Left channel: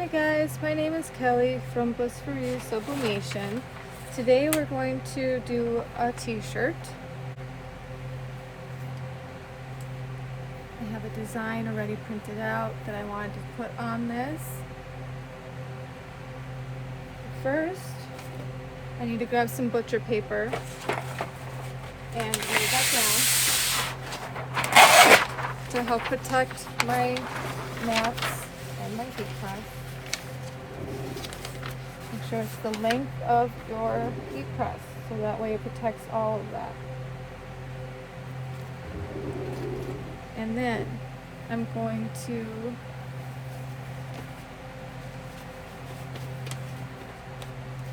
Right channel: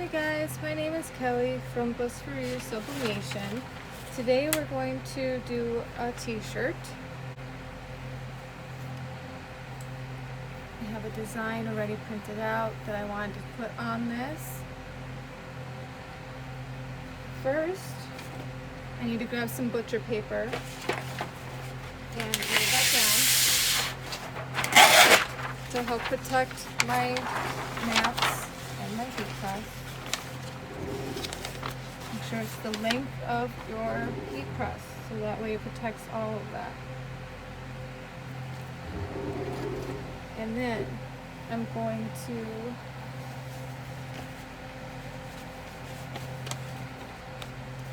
Hi guys, my name is Kelly from Bliss For You Sublimation. Today we're going to do a t-shirt. I have a design already printed out that I wanted to put on this. First, I need to grab some butcher paper and lay that down to help protect my mats and my heat press. Make sure it's the length of your heat press, so that way it protects all of that. And then I'm going to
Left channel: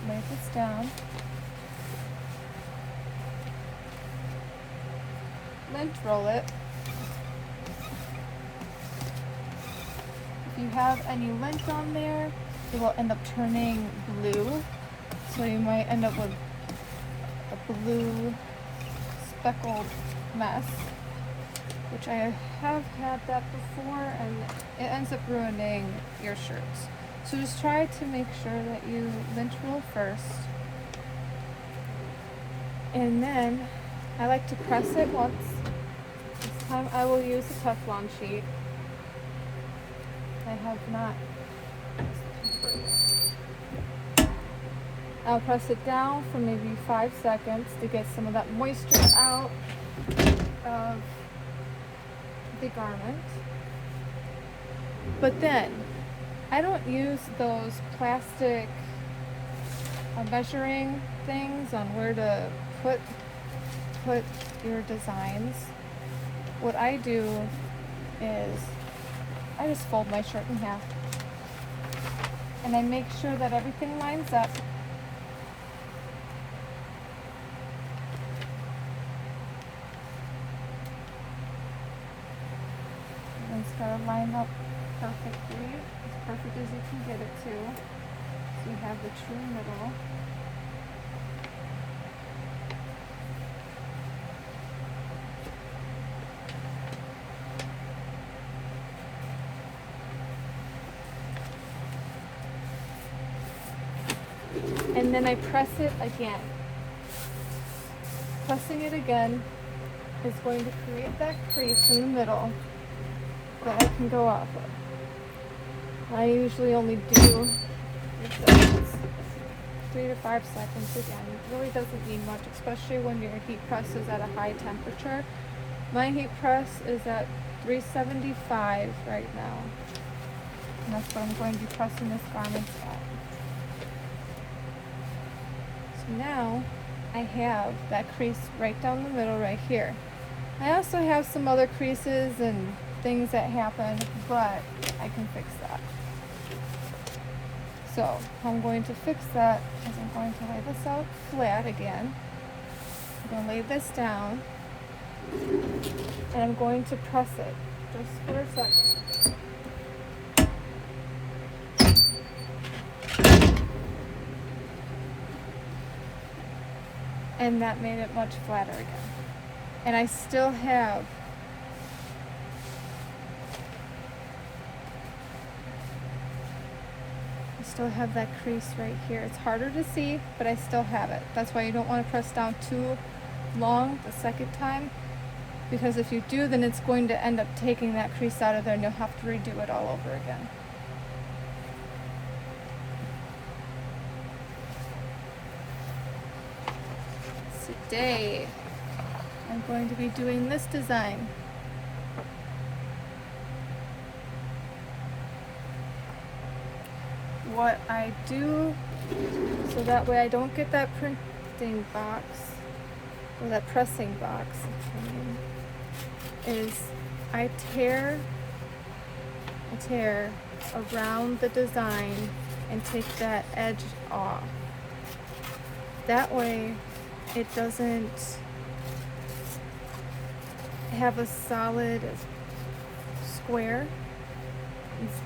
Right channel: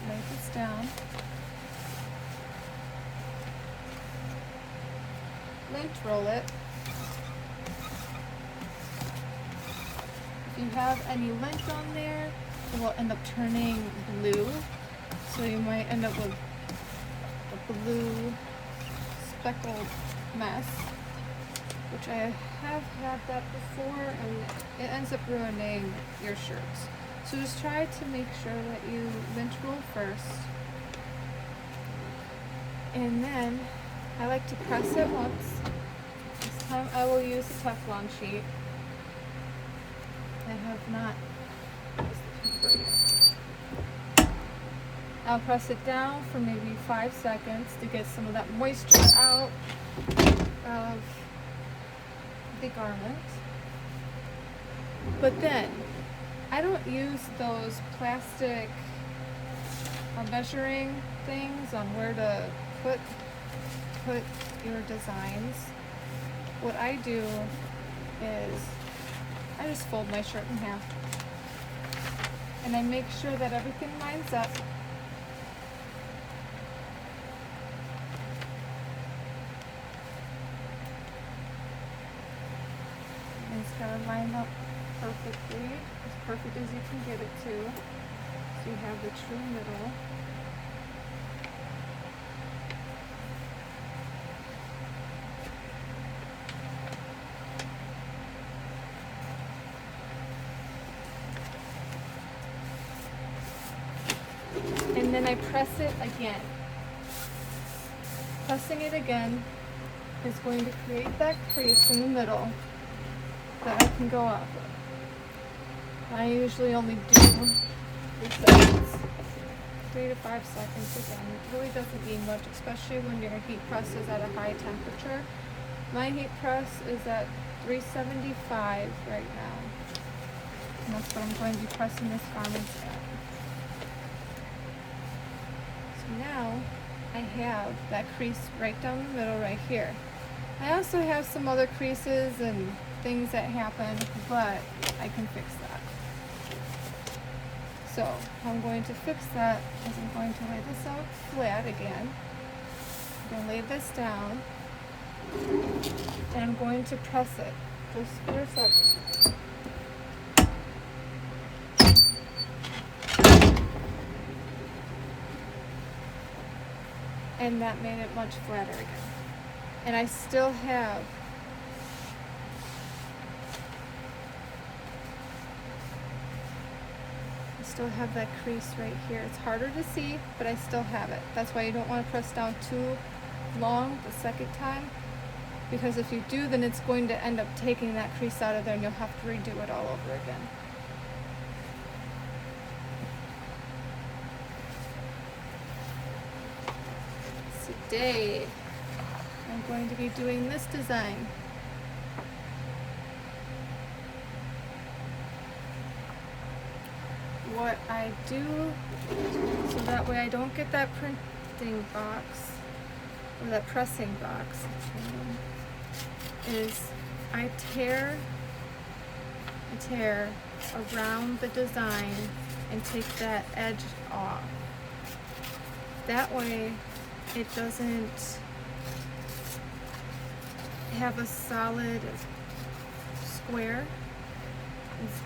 lay this down and roll it. If you have any lint on there, it will end up turning blue, so you might end up with a blue speckled mess, which I have had that before, and it ends up ruining your shirts. So just try to make sure that you lint roll first, and then I like to press it once. This time I will use a Teflon sheet. I have not. I'll press it down for maybe 5 seconds to get some of that moisture out of the garment. But then, I don't use those plastic measuring things on where to put your designs. What I do is I just fold my shirt in half, and I make sure that everything lines up. And it's got to line up perfectly, as perfect as you can get it to, so you have the true middle. And then I press it again. Pressing it again is going to create that crease in the middle that I can go off of. I usually only do 3 to 5 seconds again. It really doesn't need much, especially when your heat press is at a high temperature. My heat press is at 375 right now. And that's what I'm going to be pressing this garment at. Now I have that crease right down the middle right here. I also have some other creases and things that happen, but I can fix that. So how I'm going to fix that is I'm going to lay this out flat again. I'm going to lay this down, and I'm going to press it just for a second. And that made it much flatter again. And I still have that crease right here. It's harder to see, but I still have it. That's why you don't want to press down too long the second time, because if you do, then it's going to end up taking that crease out of there and you'll have to redo it all over again. Today, I'm going to be doing this design. What I do, so that way I don't get that printing box, or that pressing box, is I tear around the design and take that edge off. That way it doesn't have a solid square.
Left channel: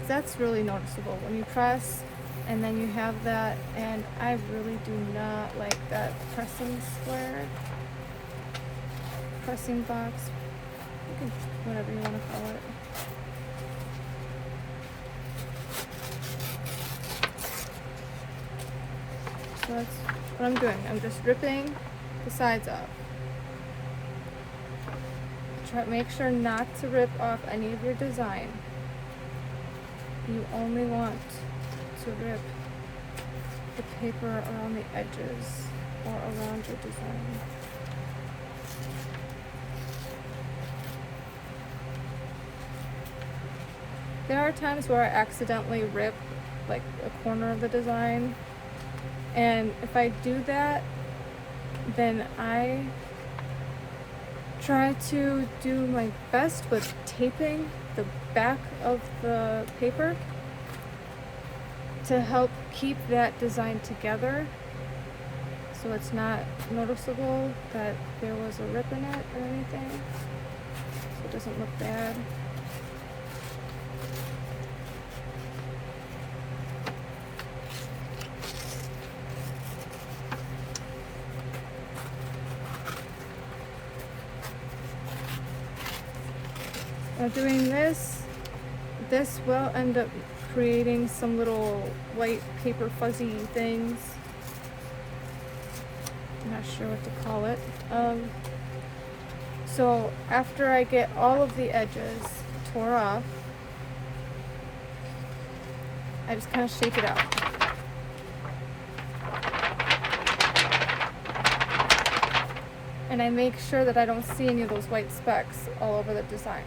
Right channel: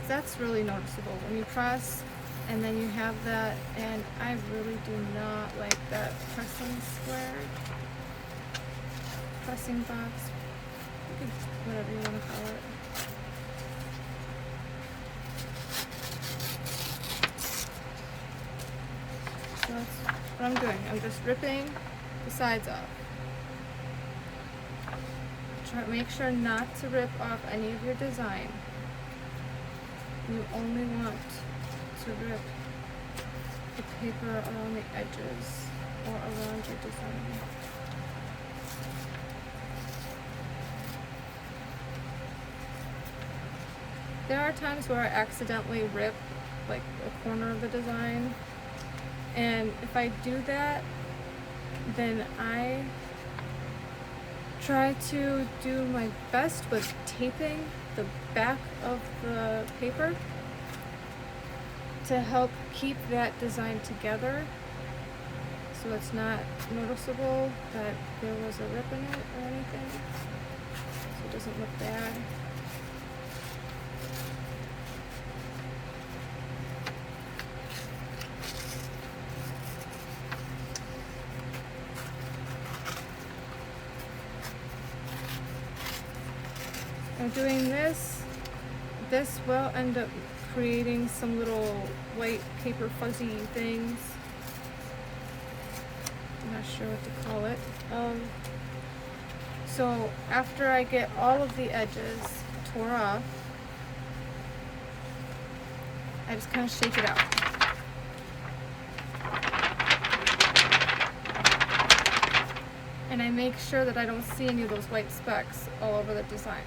That's really noticeable when you press and then you have that, and I really do not like that pressing square, pressing box, whatever you want to call it. what I'm doing. I'm just ripping the sides off. Make sure not to rip off any of your design. You only want to rip the paper around the edges or around your design. There are times where I accidentally rip like a corner of the design, and if I do that, then I try to do my best with taping the back of the paper to help keep that design together so it's not noticeable that there was a rip in it or anything, so it doesn't look bad. While doing this will end up creating some little white paper fuzzy things. I'm not sure what to call it. So after I get all of the edges tore off, I just kind of shake it out. And I make sure that I don't see any of those white specks all over the design.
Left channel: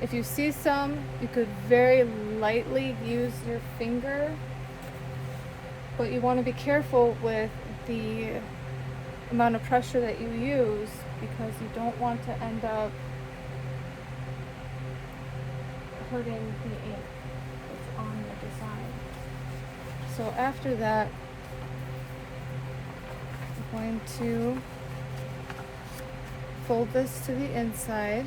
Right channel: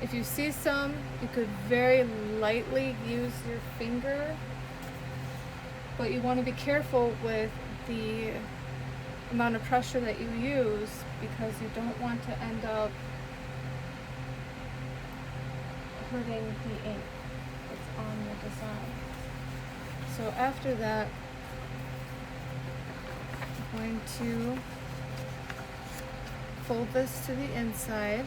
If you see some, you could very lightly use your finger, but you want to be careful with the amount of pressure that you use because you don't want to end up hurting the ink that's on your design. So after that, I'm going to fold this to the inside.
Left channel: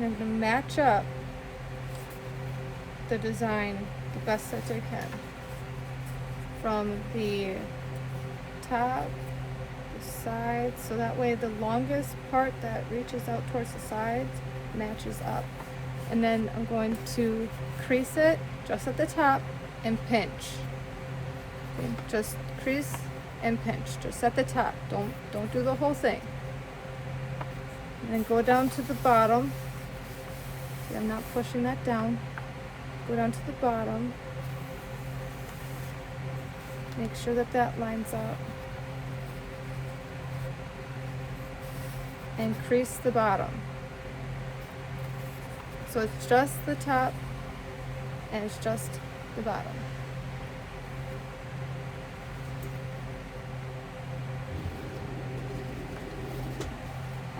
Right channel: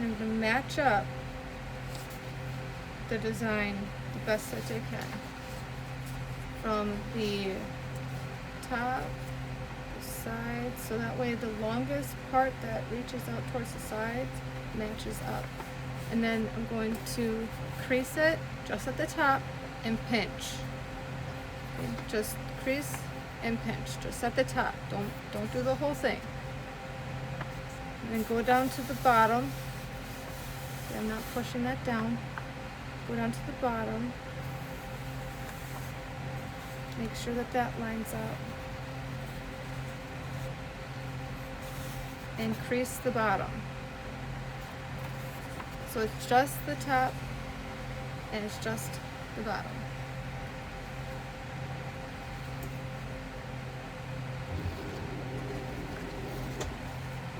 And to match up the design the best that I can. From the top, the sides, so that way the longest part that reaches out towards the sides matches up. And then I'm going to crease it just at the top and pinch. Just crease and pinch, just at the top. Don't do the whole thing. And then go down to the bottom. I'm not pushing that down. Go down to the bottom. Make sure that that lines up. And crease the bottom. So it's just the top and it's just the bottom.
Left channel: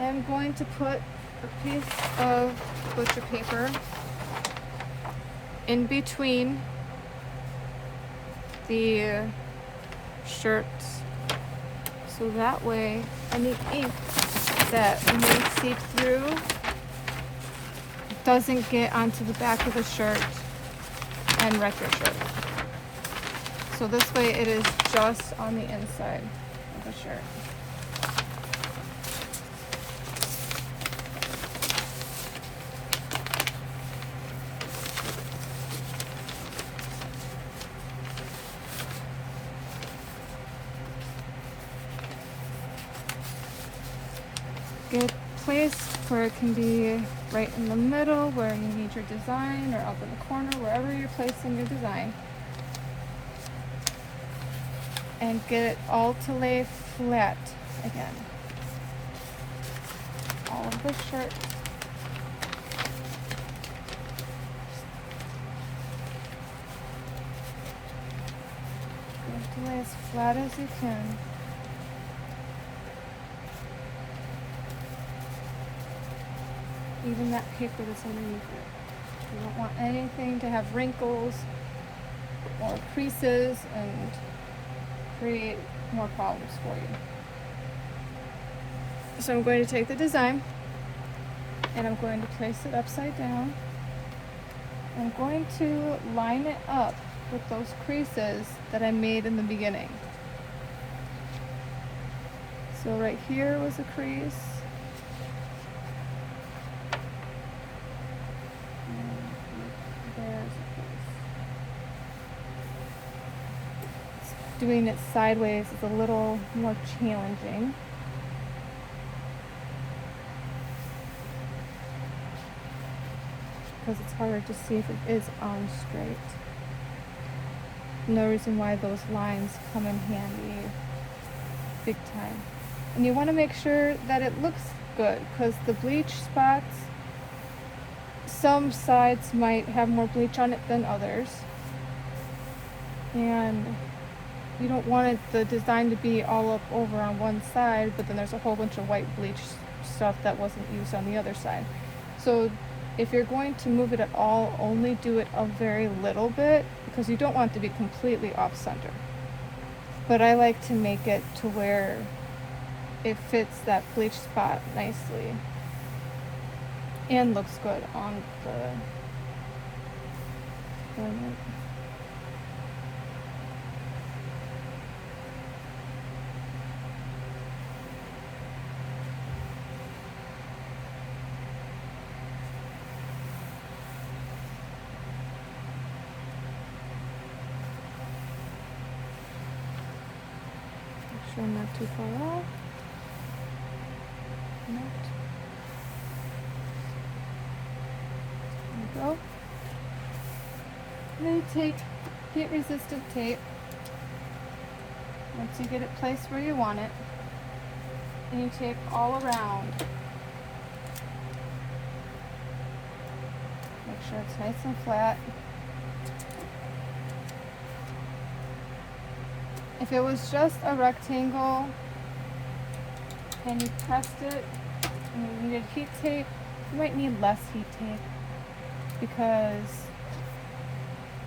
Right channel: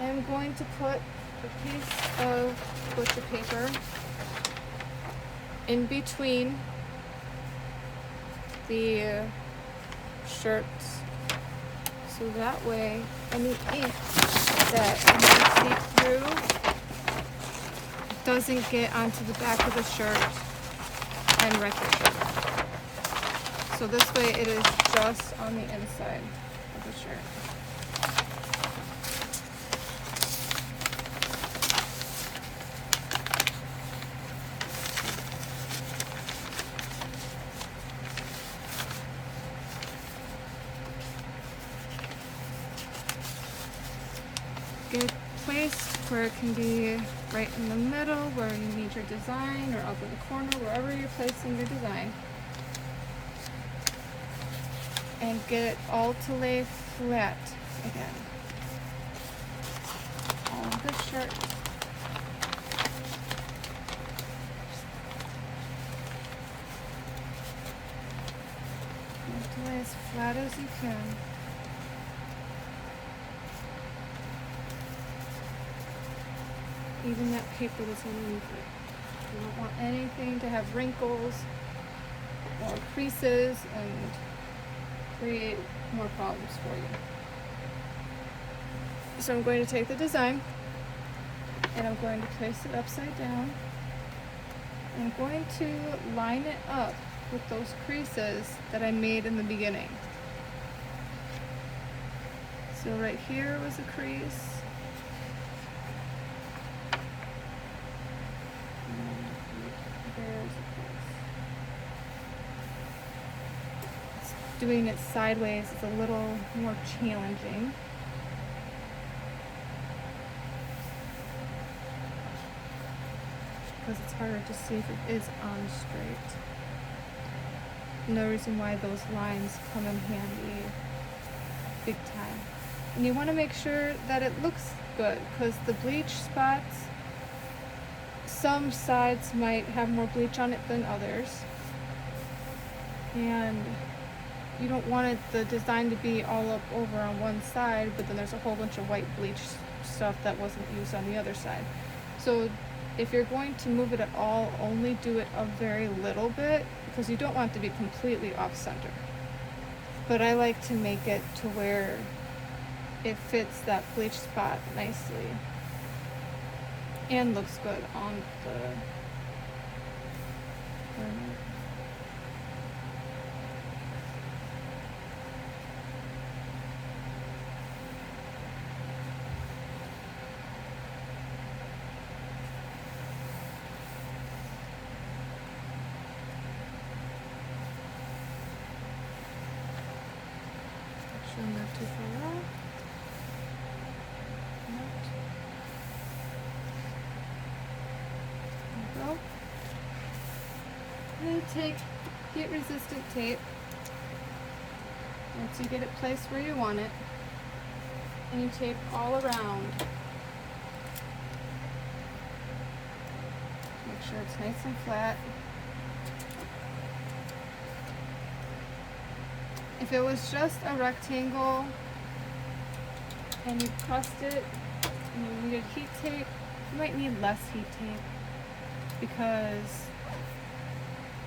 I'm going to put a piece of butcher paper in between the shirts, so that way any ink that may seep through doesn't get onto the back of the shirt and wreck the shirt. So this way it is just on the inside of the shirt. Good place where it can be right in the middle where you need your design, or up in the corner, wherever you're placing your design. And get it all to lay flat again. All of the shirt. Get it to lay as flat as you can. Even that paper that's underneath it. You don't want anything to have wrinkles or creases and create more problems for you. So I'm going to take the design and I'm going to place it upside down. I'm going to line it up with those creases that I made in the beginning. So right here was a crease. doing it sideways is a little more challenging. Because it's harder to see if it is on straight. No reason why those lines come in handy big time. And you want to make sure that it looks good, because the bleach spots, some sides might have more bleach on it than others. And you don't want the design to be all up over on one side, but then there's a whole bunch of white bleach stuff that wasn't used on the other side. So if you're going to move it at all, only do it a very little bit, because you don't want it to be completely off center. But I like to make it to where it fits that bleach spot nicely and looks good on the make sure I'm not too far off. There we go. And then take heat resistant tape. Once you get it placed where you want it, and you tape all around. Make sure it's nice and flat. If it was just a rectangle and you pressed it and you needed heat tape, you might need less heat tape because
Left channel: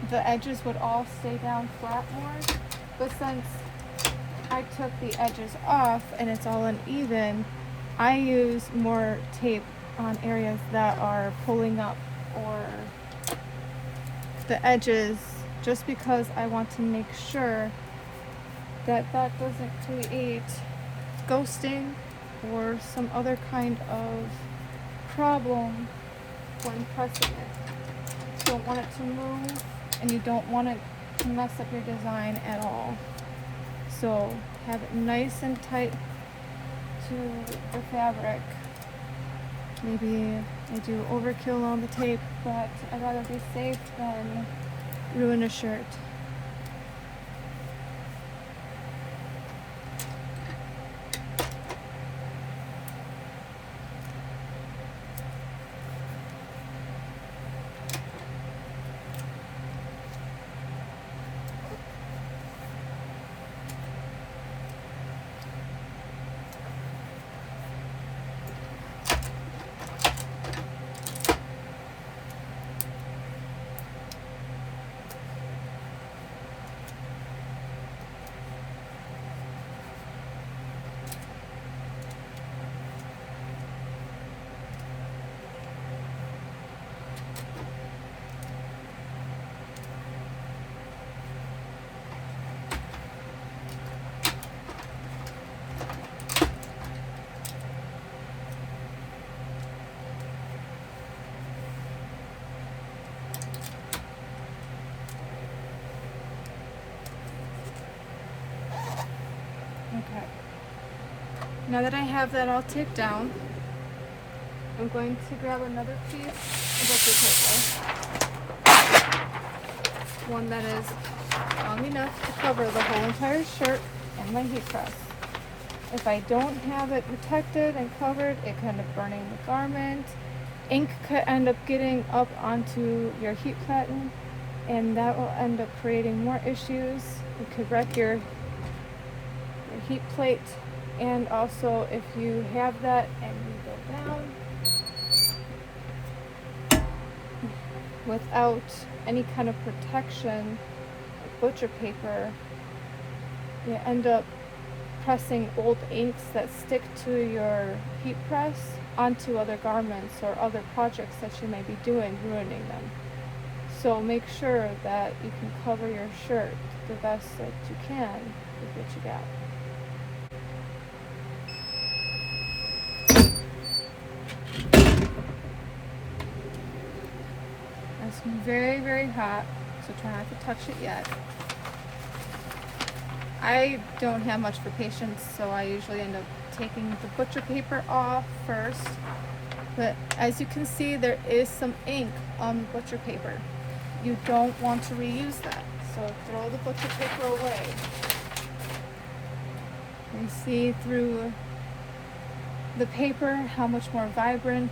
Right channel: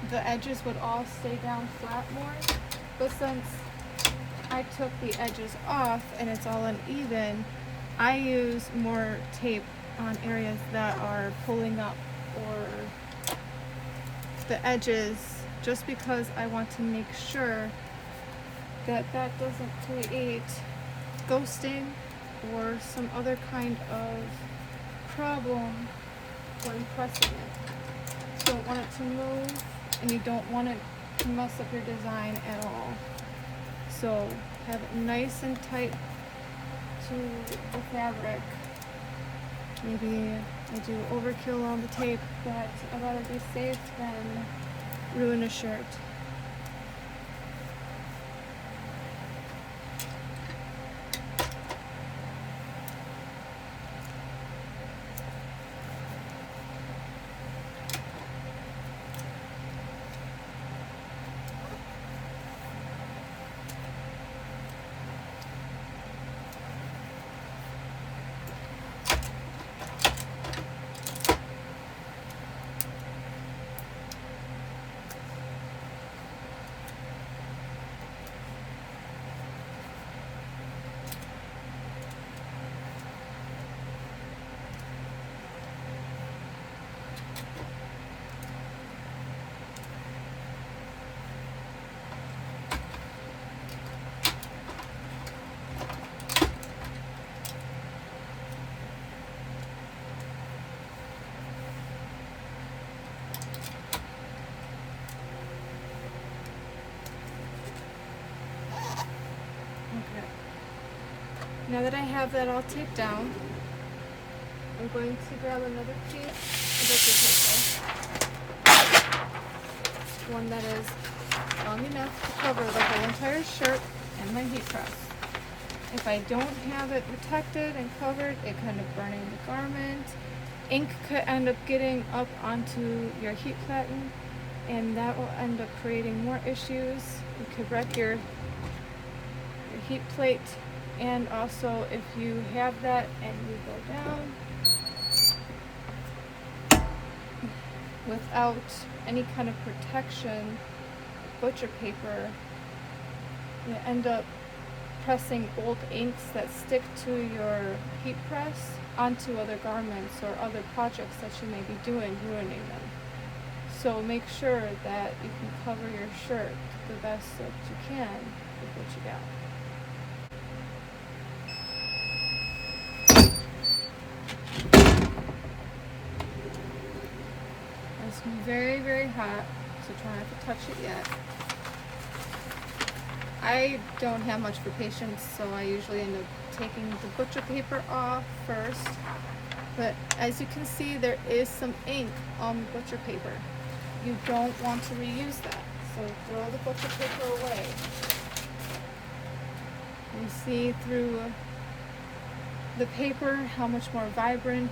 the edges would all stay down flat more. But since I took the edges off and it's all uneven, I use more tape on areas that are pulling up or the edges, just because I want to make sure that that doesn't create ghosting or some other kind of problem when pressing it. You don't want it to move, and you don't want it to mess up your design at all. So have it nice and tight to the fabric. Maybe I do overkill on the tape, but I'd rather be safe than ruin a shirt. Now that I have that all taped down, I'm going to grab another piece of paper, one that is long enough to cover the whole entire shirt and my heat press. If I don't have it protected and covered, it can end up burning the garment. Ink could end up getting up onto your heat platen, and that will end up creating more issues. It could wreck your heat plate. And also, if you have that and you go down without any kind of protection, butcher paper, you end up pressing old inks that stick to your heat press onto other garments or other projects that you may be doing, ruining them. So make sure that you can cover your shirt the best that you can with what you got. It's very, very hot, so try not to touch it yet. I don't have much for patience, so I usually end up taking the butcher paper off first. But as you can see, there is some ink on the butcher paper. You don't want to reuse that, so throw the butcher paper away. You see through the paper how much more vibrant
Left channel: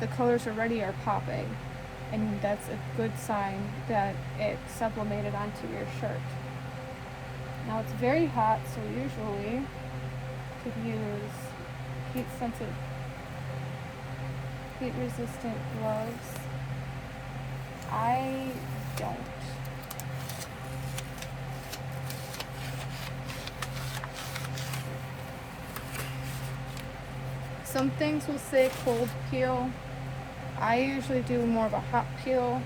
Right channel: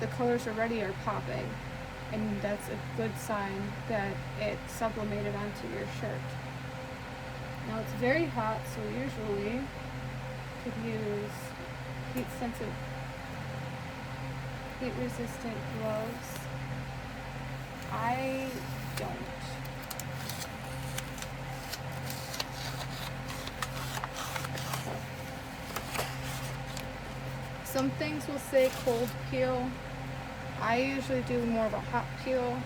the colors already are popping, and that's a good sign that it sublimated onto your shirt. Now it's very hot, so usually you could use heat-sensitive, heat-resistant gloves. I don't. Some things will say cold peel. I usually do more of a hot peel.